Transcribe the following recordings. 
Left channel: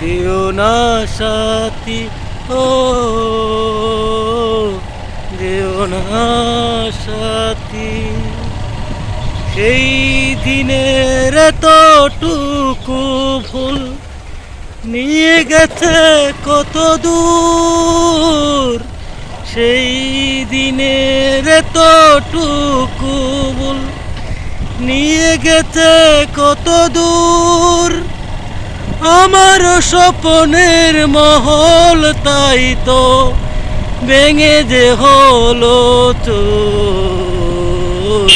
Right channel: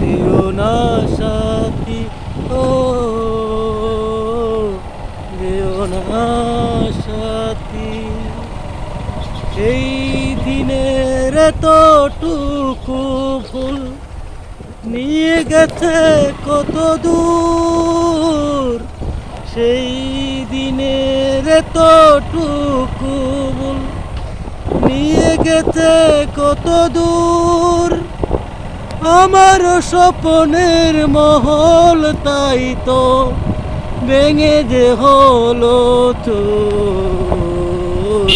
দিও না সাথী, ও, দিও না সাথী। সেই দিনের এতটুকু ভুল নিয়ে গেছে কত দূর। সেই দিনের এতটুকু ভুল নিয়ে গেছে কত দূর। আমার স্বপ্নের মহল তাই তো ভেঙে যে হলো চোর।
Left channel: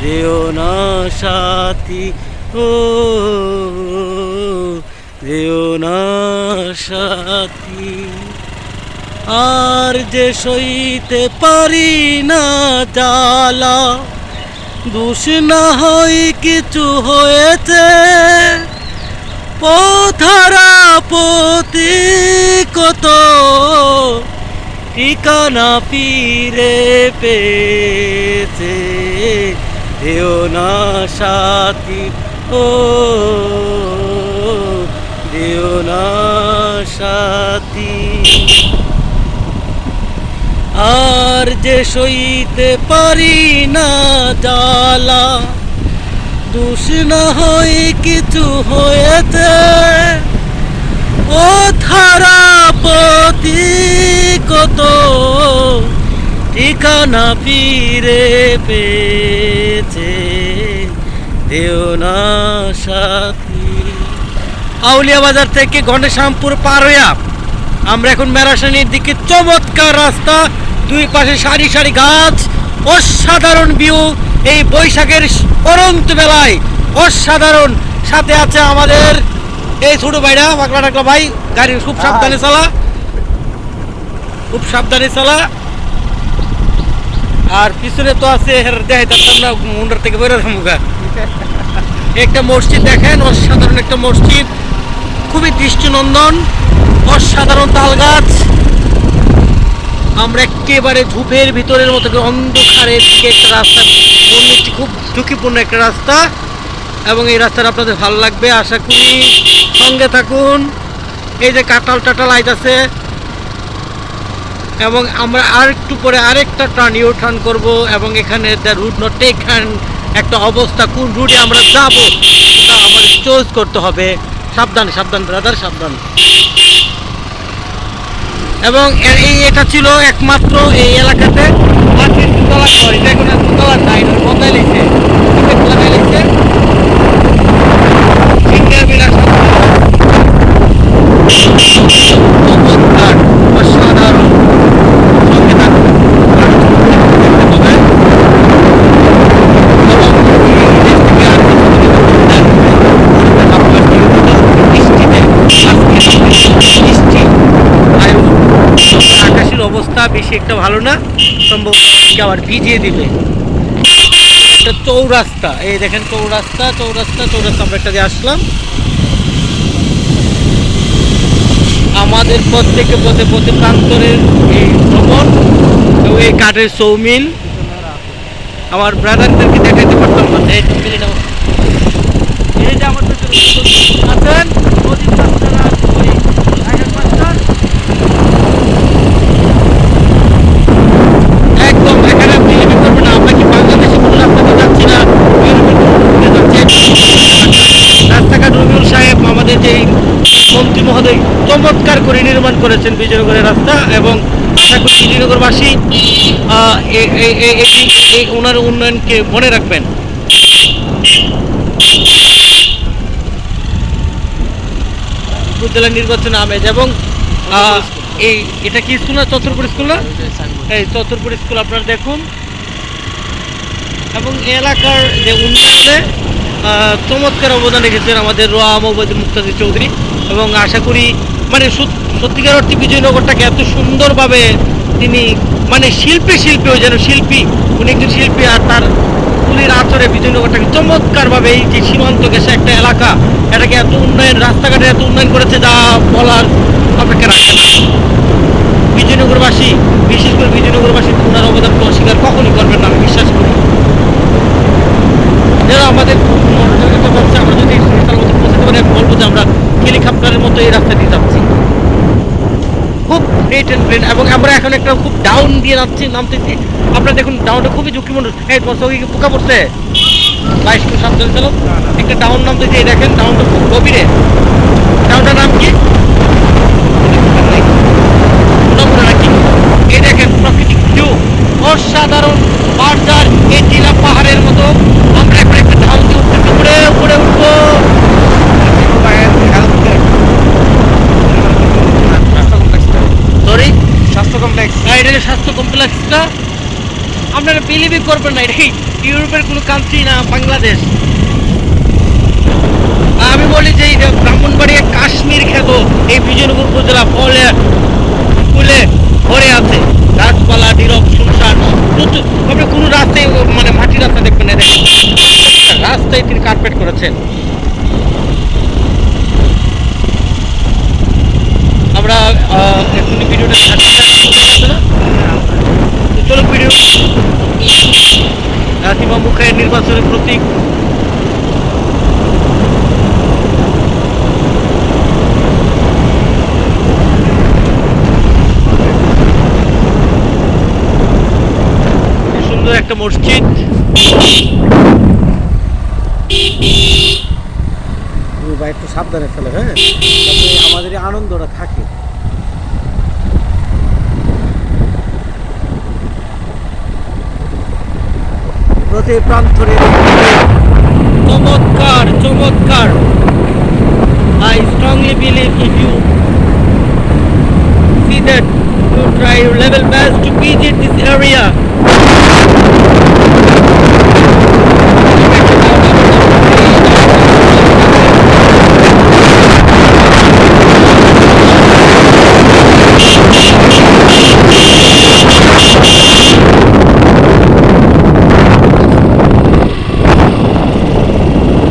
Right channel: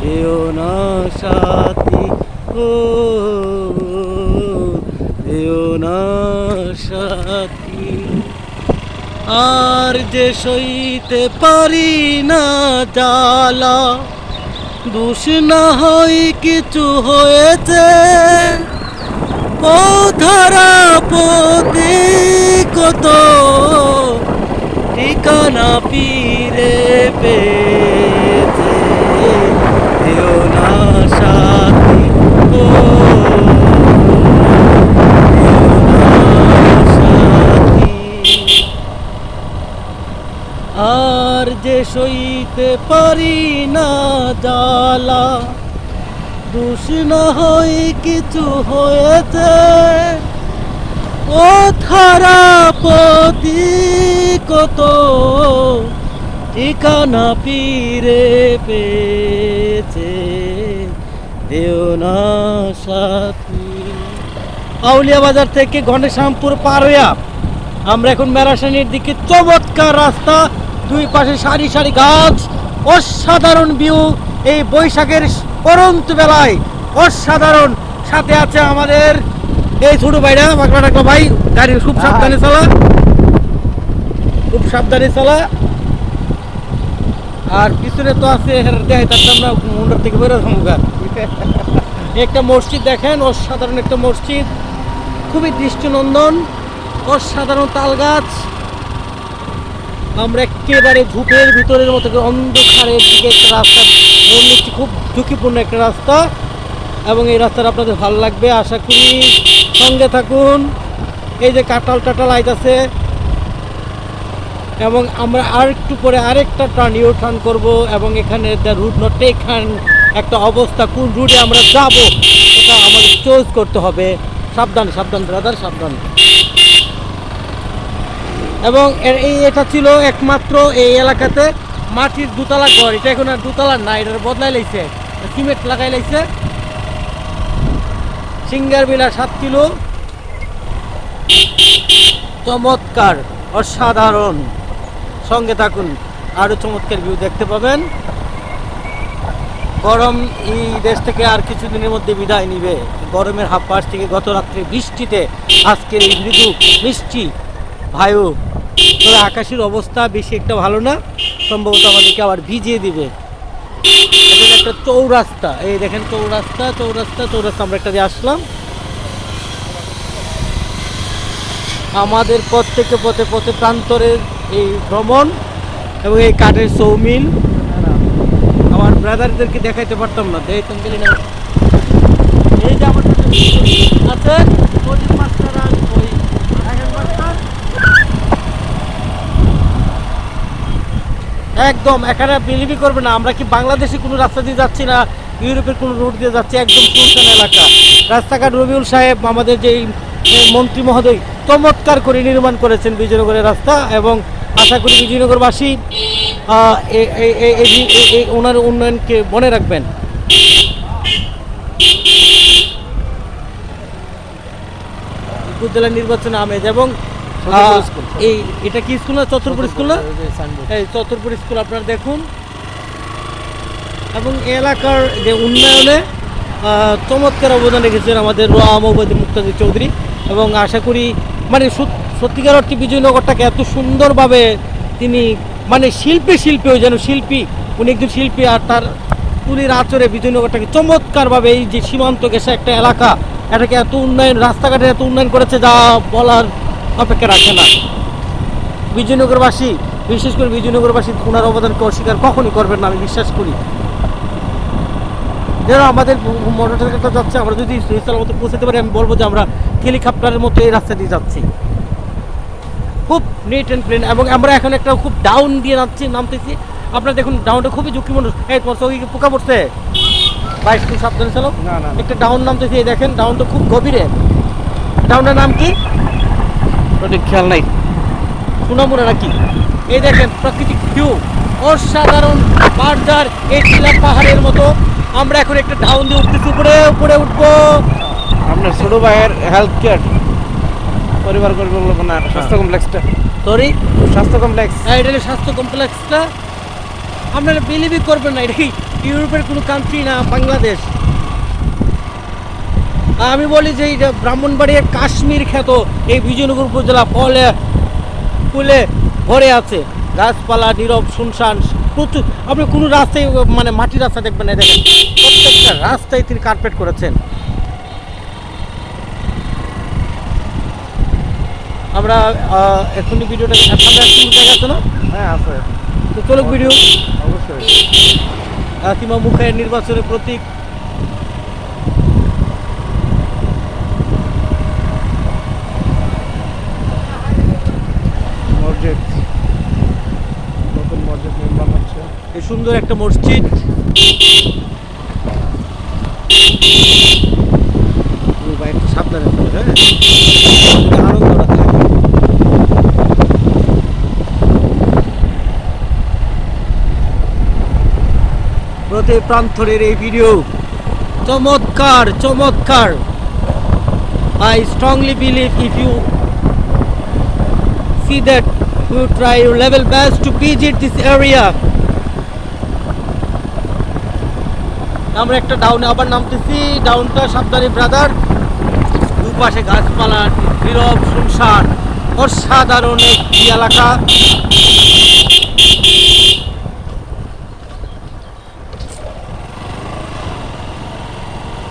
দেও না সাথী ও, দেও না সাথী। আর যে সইতে পারি না জ্বালা, দোষ না হয় কিছু হয়েছে। পথারা পতি কত ঠিকানা ফিরে পেয়েছে দেও না সাথী ও দেও না সাথী। আর যে সইতে পারি না জ্বালা দোষ না হয় কিছু হয়েছে। ও থারা পতি কত ঠিকানা ফিরে পেয়েছে। দেও না সাথী। আউলিয়া বাজার থেকে গণেশামপুর পার হইয়া আমরা এখন মেরাসানির দিকে চমৎকার রাস্তা, দুই পাশে সারি সারি গাছ, অসাধারণ ভিউ এই বৈশাখের পরন্ত বেলায় অসাধারণ সাথে আছে আমাদের। এই ছোট ভাইরা বাঁকড়া টাকলা ভাই গাড়ি খুব সাবধানে চালা। খুব সাবধানে চালা। আর পিছনে তো আছে দেখাই তার আমরা মুন্ডার থেকে বেরো মুখা একটা মসজিদ দেখেন অসাধারণ একটা মসজিদ। খুবই দৃষ্টিনন্দন অসাধারণ তাল গাছ। আমরা একেবারে ঝুপের ভিতরের মতো অন্ধকারের দিকে একটা রাস্তা, মনে হচ্ছে খুব ঝুঁকিপূর্ণ একটা রাস্তা। এবং এই রাস্তাটা আপনাদের ভালো লাগবে, আশা করি সঙ্গে থাকুন। এই যে কাটাল টাটাল আছে এবং আমরা আর একটু পরে আরেকটা টার্ন ইউ টার্ন করব এবং এখানে দ্য রুট নট টেকান একটা অবস্থা, কোন রুটে আমরা যাব, সেটা আমাদের চয়েস করতে হবে। সাবধান সাবধান ব্রাদার সাবধান। এবং এই এটা ছিল একমাত্র এই এলাকাতে মাটির দুতলা ঘর। এটা এখন আর দুতলা নাই বদলাই লেগেছে। সিমেন্ট লাগাই ফিঙ্গার সাত চমৎকার অসাধারণ সঙ্গে থাকুন আরও ছবি দেখতে পাবেন গরম এই দেশ থেকে আর কিছু দিনের মধ্যে বিদায় নেবে গরমের আবহাওয়া থেকে গত রাত্রে বৃষ্টিতে আজকে বৃষ্টি আয়ু তবে আকাশের অবস্থা বেশি একটা ভালো না, সম্ভবত আমাদেরকে আবার ভিজিয়ে দিবে। একটা চৌরাস্তা, এই দেখেন চৌরাস্তা চৌরাস্তা চৌরাস্তা, আমরা একটা দিয়ে আসলাম। আমাদের প্রত্যেকে পথে পথে প্রান্তরের এই ভ্রমণ এবং এই কাঠের সৌমিল। আমার ব্রাদারদেরকে দেখাইতে পারতাম না এই যে আমার আছেন প্রদীপ মাস্টার আর ওই আয়ন মাস্টার। একদম এখানে বিলিভি করবে না আমরা কি বাংলাদেশে কোনো রাস্তা দিয়ে যাচ্ছি না ইউরোপের কোনো রুট দিয়ে যাচ্ছি একদম সুন্দর এলাকা রাস্তাঘাট রবিউল সাহেব আমাদের যে মন্ত্রী মহোদয় চমৎকার করে নির্মাণ করেছেন বিজয়নগরের রাস্তা এবং আশা করি বিজয়নগরবাসী ওনার উন্নয়নকে মনে রাখবেন। উপজেলা নির্বাচনে আমেজ এবং এই, এটা কি স্কুল না চতুর্পুর স্কুল না? এই চতুর্পুর স্কুল আপনারা দেখুন। এবং এলাকার যে উন্নয়নে চমৎকার অবদান রেখেছেন আমাদের রোয়া মোহাম্মদ মুক্তাদির চৌধুরী এবং আশা করি মানে সত- সত্যিকার অর্থে বিজয়নগরটাকে এত সুন্দরভাবে তিনি মানে শিল্পী শিল্পী ওই যেন শিল্পী, উনি একজন শিল্পী আর তার কুলির আচরে বিজয়নগরটাকে চমৎকারভাবে এই যে সীমান্ত গেছে একটা এলাকা, এটাকে এত উন্নয়ন, রাস্তাঘাটে এত উন্নয়ন করেছে যা বলার অপেক্ষা রাখে না। বিজয়নগরবাসী, বিশেষ করে বিজয়নগরবাসী ওনার অবদানকে অস্বীকার কখনই করবেন না, আমি বিশ্বাস করি। যারা আমাদের মোটরসাইকেল যাচ্ছে আমরা যদি সুইসার মতো পৌঁছাতে পারি আমি বলব যে আমরা হেলিকপ্টারের মতো এই রাস্তা দিয়ে যাচ্ছি। খুব নেট অ্যান্ড প্লেন এবং আমরা এখন একটা খুব ডাউন দিয়ে নামছি নামতেছি। আপনারা দেখুন ডাউনটা খুবই ঝুঁকিপূর্ণ। এই তোমার চোখে পোকা পড়ছে? বাইশ কিলো সাবধানে চালো একটা ডাউন নামতেছি এই দেখেন ডাউনটা খুব গভীরে। ডাউনটার নাম কি? নাই। পুনাপুরা নাকি? এই দেখেন প্রাকৃতিক ভিউ অসাধারণ পাহাড় এই নীলা পাহাড়ের মতো। আমরা এখন একটা ডাউন দিয়ে উঠতেছি। উপরে উপরে উঠবো। সরি স্বাস্থ্য কমপ্লেক্স হ্যাঁ এটা স্বাস্থ্য কমপ্লেক্সটা আপনারা বিলিভই করবেন না এটা কি ইউরোপের কোনো কান্ট্রি না বাংলাদেশ? আমি বলি যে ব্রাহ্মণবাড়িয়া কাশ্মীর খ্যাত এই বিজয়নগর উপজেলা ফলে ফুলে ভরে আছে। গাছপালা, নীরব শুনশান প্রচুর। আপনি কোনো রাস্তায় মানে মাটির রাস্তা দেখবেন না, দেখেন। প্রত্যেকটা রাস্তায় তিনি কার্পেট করেছেন। আমরা এখনই ভিডিওটা সামনে আছে না তো চলো ভিডিও। হাতিমা মুখের নির্বাচনের প্রতীক এই সুন্দর একটা মসজিদ। শিবু ভাই সাবধানে চলে হ্যাঁ? আমাদের আনন্দটা থাকে। প্রতি প্রান্তরের এই ভিডিও চমৎকার চমৎকার। I strongly believe if you see that you try your level best to visit this area আমরা একটা ডাউন আবার নামছি ডাউন ব্রাদার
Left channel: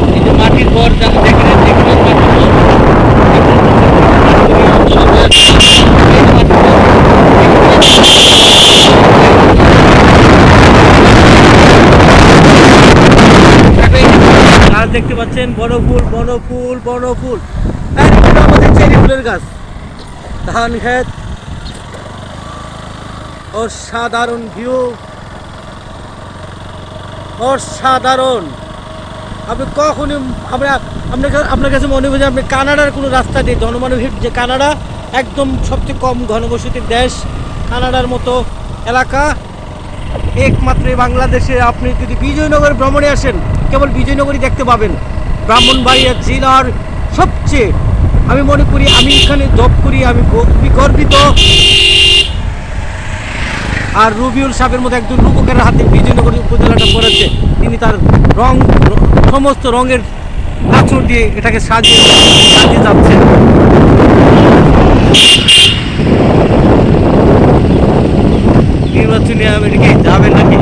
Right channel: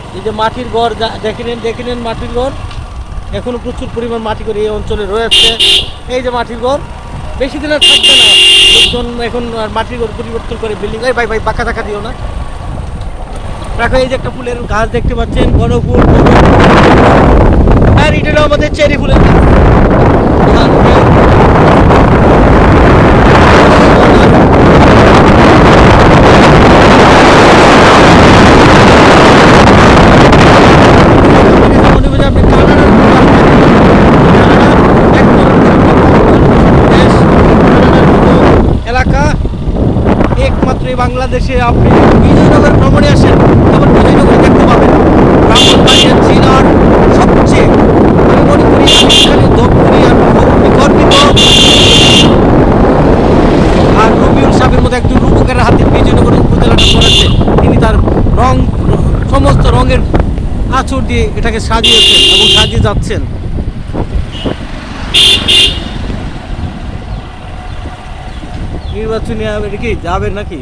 এই যে মাটির ঘর যা- দেখলেন দেখলেন মাটির ঘর এখন প্রচুর পরিমাণে মাটির ঘর এই অঞ্চলে রয়েছে এই যে মাটির ঘর এখানে দেখো এই যে গাছ দেখতে পাচ্ছেন বড় ফুল বড় ফুল বড় ফুল আর এটা হলো আমাদের চেরি ফুলের গাছ। কানাডার কানাডা একদম কম দেশ। কানাডার মতো এলাকা। একমাত্র বাংলাদেশে আপনি যদি বিজয়নগর ভ্রমণে আসেন। ব্রাহ্মণবাড়িয়া জেলার সবচেয়ে আমি মনে করি আমি এখানে জব করি, আমি গর্বিত আর রবিউল সাহেবের মতো একজন রূপকের হাতে বিজয়নগর উপজেলাটা পড়েছে তিনি তার রং, সমস্ত রঙের আঁচড় দিয়ে এটাকে সাজিয়ে সাজিয়ে যাচ্ছেন। নির্বাচনী কি যাবে নাকি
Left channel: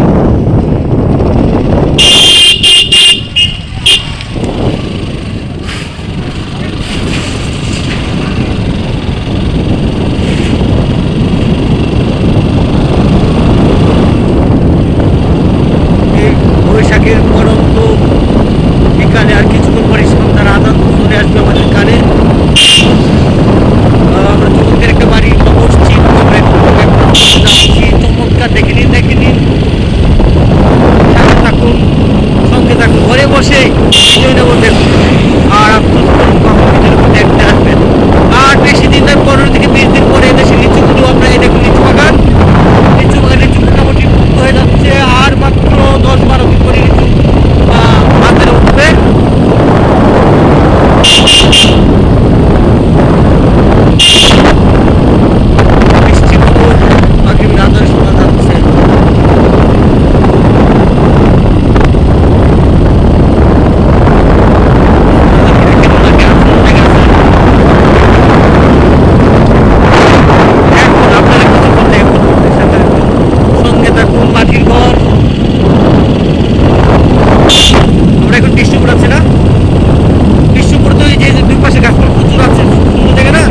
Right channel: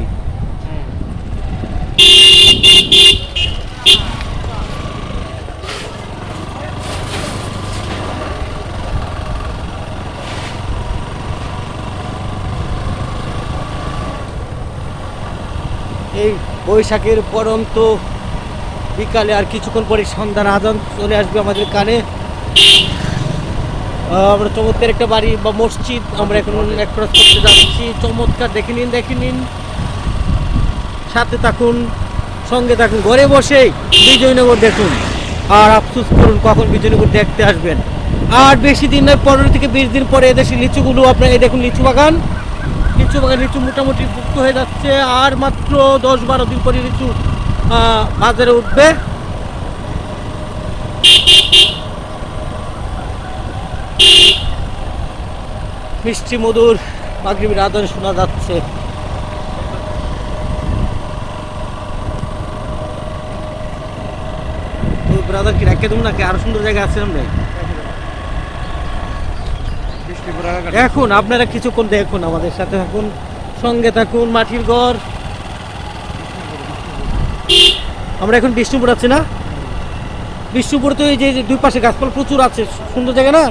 এই বৈশাখের পরন্ত বিকালে আর কিছুক্ষণ পরে সন্ধ্যার আদান চলে আসবে আমাদের কানে আমরা চমৎকার একটা বাড়ি বা মসজিদ, আমরা যাচ্ছি। চমৎকার, দেখে নিন দেখে নিন। সাথে থাকুন, সঙ্গে থাকুন, ঘরে বসে বিজয়নগর দেখুন। আর আফসোস করুন, কখন বিজয়নগর দেখতে আসবেন। আর বেশি দিন নয় পনেরো থেকে বিশ দিন পরে এদেশে লিচুগুলো আপনার এই দেখুন, লিচু বাগান। লিচু বাগান, লিচু মোটামুটি হয়ে যাচ্ছে। আর মাত্র দশ বারো দিন পরে লিচু বাজারে উঠবে। মিষ্টি মধুর পাখির আদর শোনা যাচ্ছে দাদা কি রাখেন ওনাকে আসল জায়গা আছে? এখন আপনারা কিছুক্ষণ দেখুন আমাদের সাথে থাকুন। সঙ্গে থাকুন মাটির ঘর আমরা এখন বিষ্ণুপুর আছে না? বিষ্ণুপুর তো এই যে দুই পাশে গাছপালা প্রচুর আছে সুন্দর জায়গা না?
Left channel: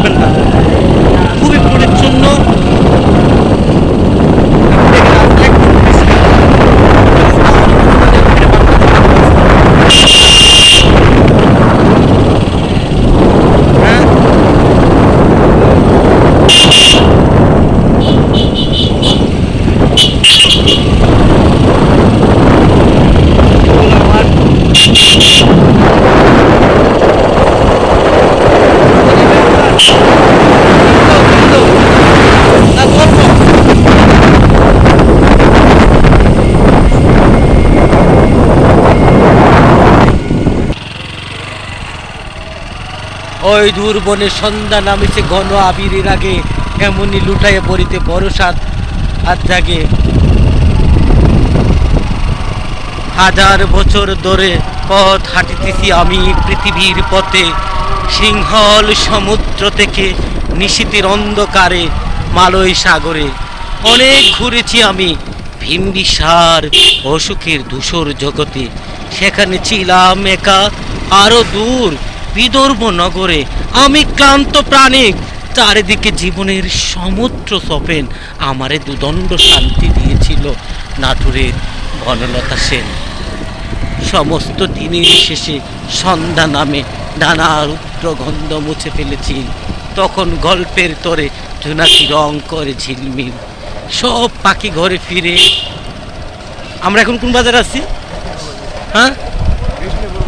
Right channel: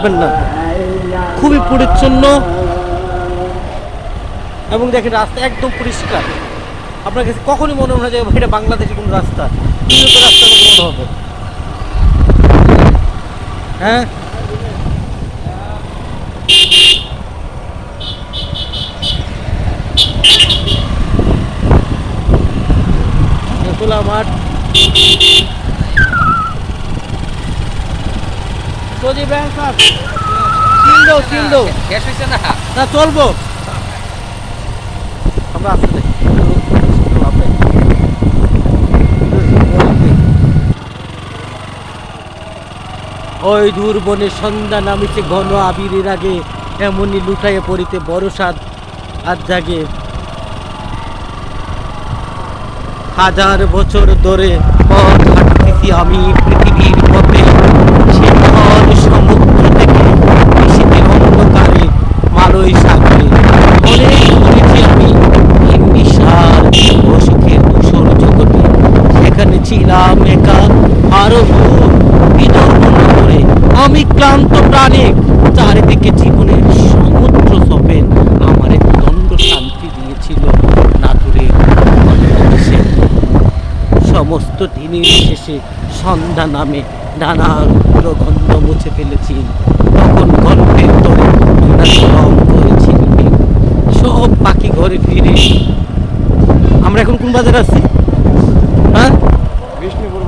থাকবেন না। খুবই পরিচ্ছন্ন। এবং দেখেন রাস্তা একদম পরিষ্কার কখনো মনে হয় যে এটা রাস্তা ওই দূর বনে সন্ধ্যা নামেছে ঘন আবিরের আগে। এমনই লুটাইয়ে পড়িতে বড় সাত আর জাগে। হাজার বছর ধরে পথ হাঁটতেছি আমি পৃথিবীর পথে। সিংহল সমুদ্র থেকে নিশীতের অন্ধকারে, মালয় সাগরে। অনেক ঘুরেছি আমি ভিন্ডিসার অসুখের ধূসর জগতে। সেখানে ছিলাম একা আরও দূর বিদর্ভ নগরে। আমি ক্লান্ত প্রাণী চারিদিকে জীবনের সমুদ্র সপেন আমারে দণ্ড শান্তি দিয়েছিল নাটুরের বনলতা সেন। সমস্ত দিনের শেষে সন্ধ্যা নামে নানা রুদ্র গন্ধ মুছে ফেলেছি। তখন গল্পের তরে জোনাকি রং করে ঝিলমিল। সব পাখি ঘরে ফিরে। আমরা এখন কোন বাজার আছি? হ্যাঁ?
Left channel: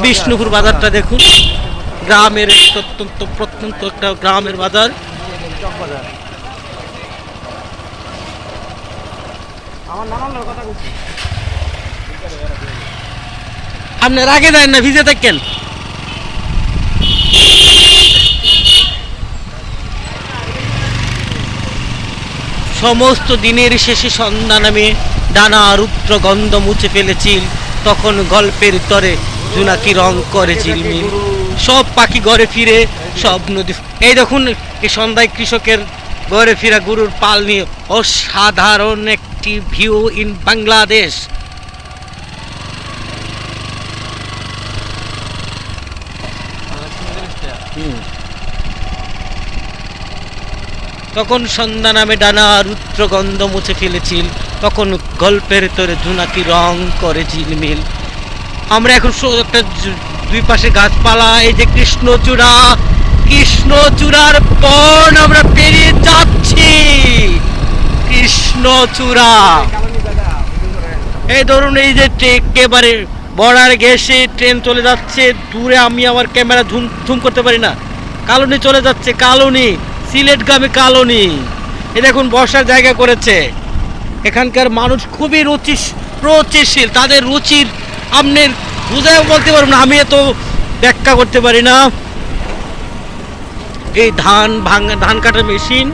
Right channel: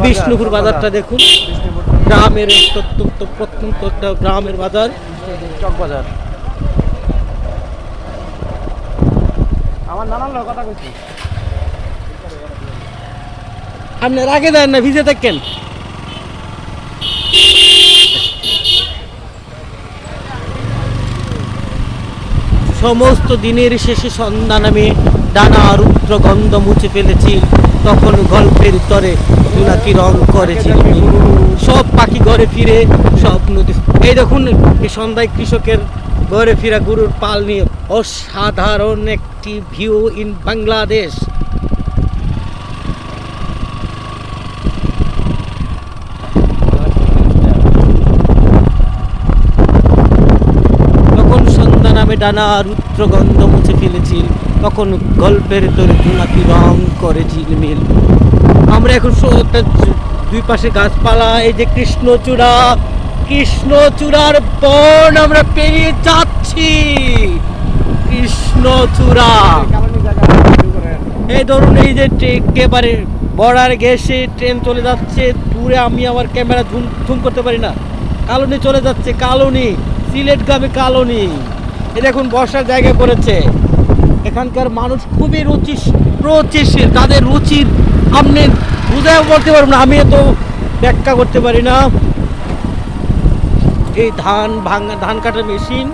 বিষ্ণুপুর বাজারটা দেখুন। গ্রামের একটা অত্যন্ত প্রত্যন্ত একটা গ্রামের বাজার। আপনার আগে দেন না ভিজে থাকেন। সমস্ত দিনের শেষে সন্ধ্যা নামে ডানা রুদ্র গন্ধ মুছে ফেলেছি তখন গল্পের তরে জোনাকি রং করে ঝিলমিল সব পাখি ঘরে ফিরে সব নদী এই দেখুন এই সন্ধ্যায় কৃষকের ঘরে ফিরা গরুর পাল নিয়ে অসাধারণ একটি ভিউ ইন বাংলাদেশ। তখন সন্ধ্যা নামে ডানা রুদ্র গন্ধ মুছে ফেলেছিল। তখন গল্পের তোরে জোনাকি রং করে ঝিলমিল আমরা এখন একটা দুই পাশে গাছপালা, এই যে কৃষ্ণচূড়া। কৃষ্ণচূড়ার বন আমরা পেরিয়ে যাচ্ছি। কৃষ্ণচূড়া। এই ধরুন এই যে একেবারে বর্ডার গেছে ট্রেন চলে যাচ্ছে। দূরে আমি আমার ক্যামেরা ঝুম ঝুম করতে পারি না। কালনি চলে যাচ্ছে, কালনি। সিলেটগামী কালনি। এ দেখুন, বসার জায়গা করেছে। এখানকার মানুষ খুবই রুচি রুচিশীল। তাদের রুচির আপনি বুঝাও বলতে পারব না, আমি এত ব্যাখ্যা করতে পারি না। এই ধান ভাঙা, ধান কাটার মেশিন।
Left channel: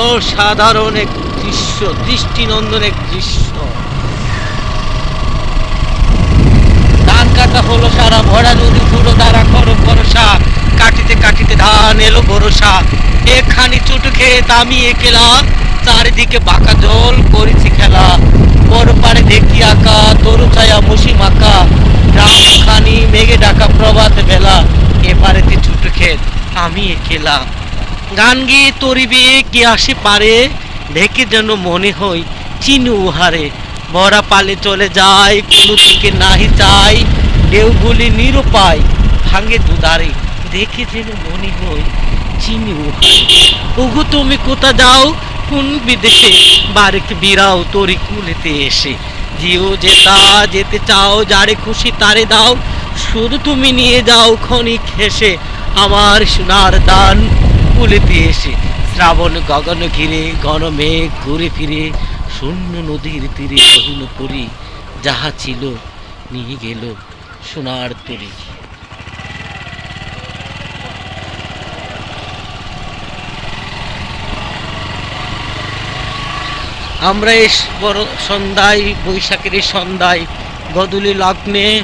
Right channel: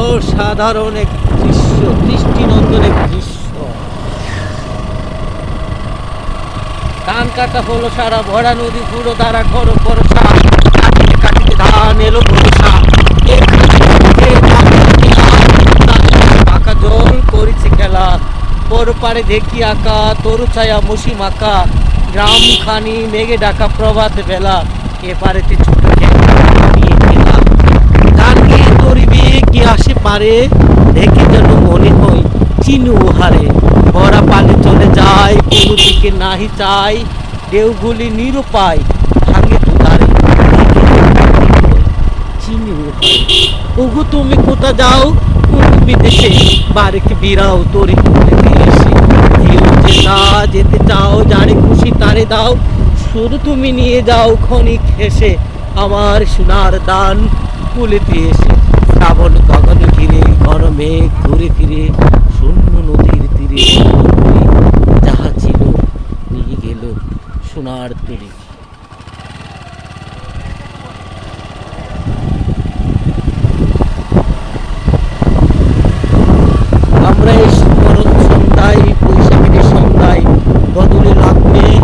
অসাধারণ এক দৃশ্য, দৃষ্টিনন্দন এক দৃশ্য। ধান কাটা হলো সারা ভরা নদী পুরো দ্বারা করো ভরসা কাটিতে কাটিতে ধান এলো ভরসা। এখানে চোখে নামিয়ে খেলা। চারিদিকে বাঁকা জল, করেছে খেলা। বড় পারে দেখি আঁকা, তরু ছায়া মসি মাকা গ্রাম খানি, মেঘে ডাকা প্রভাত বেলা। এপারেতে ছোট খেল আমি খেলা। গান গিয়ে তরিবে, কি আসে পারে? দেখে যেন মনে হয়, চিনু হারে বড়া পালে চলে যায়, কোনো দিকে নাহি চাই ঢেউগুলি নিরুপায়, ভাঙে দুদারে দেখে হয় চিনু হারে ওগো, তুমি কোথা যাও? কোন বিদেশে? বাড়িতে বিরাও তরি কুলেতে এসে। যেও যেতা যেতে চাও, যারে খুশি তারে দাও। শুধু তুমি নিয়ে যাও ক্ষণিক হেসে, আমার সোনার দান কুলেতে এসে। শ্রাবণ গগন ঘিরে, ঘন মেঘ ঘুরে ফিরে, শূন্য নদীর তীরে যাহা ছিল নিয়ে গেল সোনার তরি। আমরা এই বরণ সন্ধ্যায়, বৈশাখের সন্ধ্যায় গদুলি লগ্নে,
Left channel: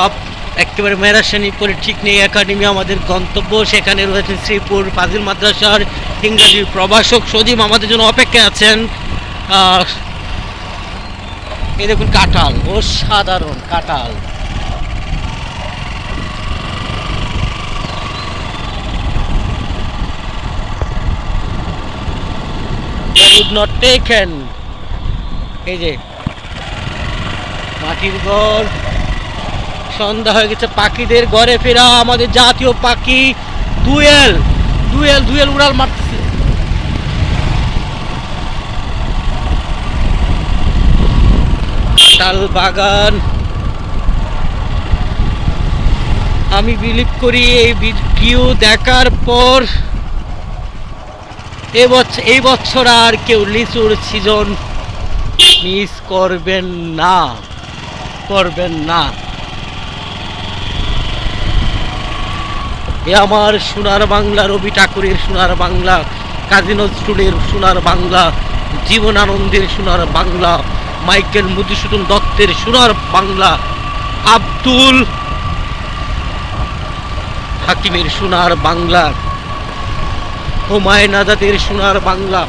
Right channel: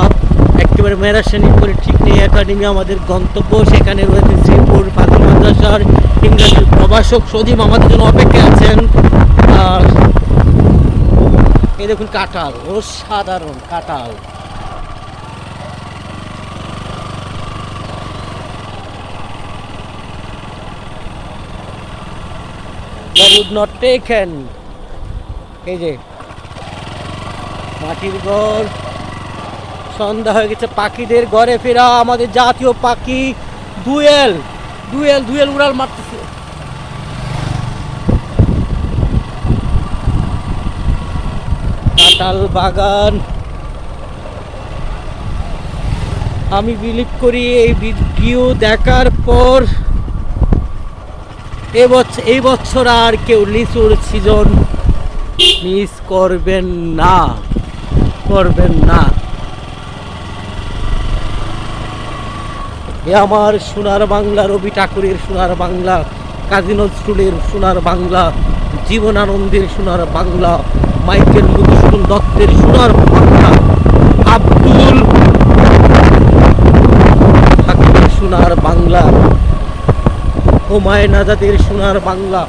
আপ- একেবারে মেরাশানি করে ঠিক নেই, একাডেমি আমাদের গন্তব্য, সেখানে রয়েছে শ্রীপুর ফাজিল মাদ্রাসার ইংরাজি প্রভাষক সজীব আমাদের জন্য অপেক্ষা আছেন। এই দেখুন কাঁঠাল, অসাধারণ কাঁঠাল। Would not taken. এই যে মাটির ঘর। সন্ধ্যা হয়ে গেছে, পাখিদের ঘরে ফেরা। আমাদের জাতীয় পাখি দুয়েল। দুয়েল দুয়েল উড়াল মারতেছে। কাঁঠাল বাগান। আমি বিলিভ করি এই ভিডিও দেখার পর এবছর এই বছর আর কেউ লিচুর সিজন মিস করবেন না করবেন না। এ আমার সোনার বাংলা, রবি ঠাকুরের সোনার বাংলা, কাজী নজরুলের সোনার বাংলা, জীবনানন্দের সোনার বাংলা, মাইকেল মধুসূদন দত্তের সোনার বাংলা, আব্দুল হাকিমের সোনার বাংলা। হুমায়ুন আজাদের সোনার বাংলা।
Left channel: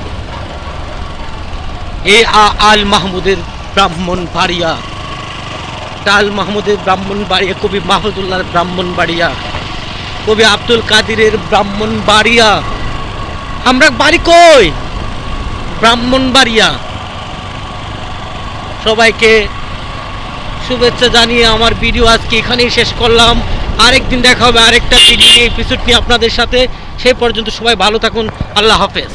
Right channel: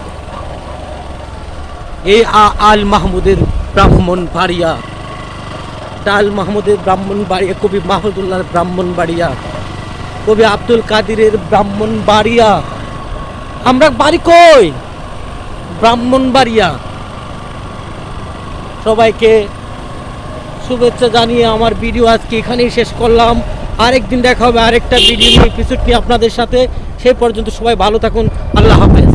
এ আ আল মাহমুদের ব্রাহ্মণ বাড়িয়া। টাল মাহমুদের ব্রাহ্মণ বাড়িয়া, কবি মাহমুদুল্লাহর ব্রাহ্মণ বাড়িয়া। কবি আব্দুল কাদিরের ব্রাহ্মণ বাড়িয়া। আমরা বাড়ি কই? ব্রাহ্মণ বাড়িয়া। সবাইকে শুভেচ্ছা জানিয়ে আমার ভিডিও আজকে এখানেই শেষ করলাম। আরেকদিন দেখা হবে, আরেকটা ভিডিও নিয়ে এপিসোড নিয়ে আপনাদের সাথে। সেই পর্যন্ত সবাই ভালো থাকুন। আল্লাহ হাফেজ।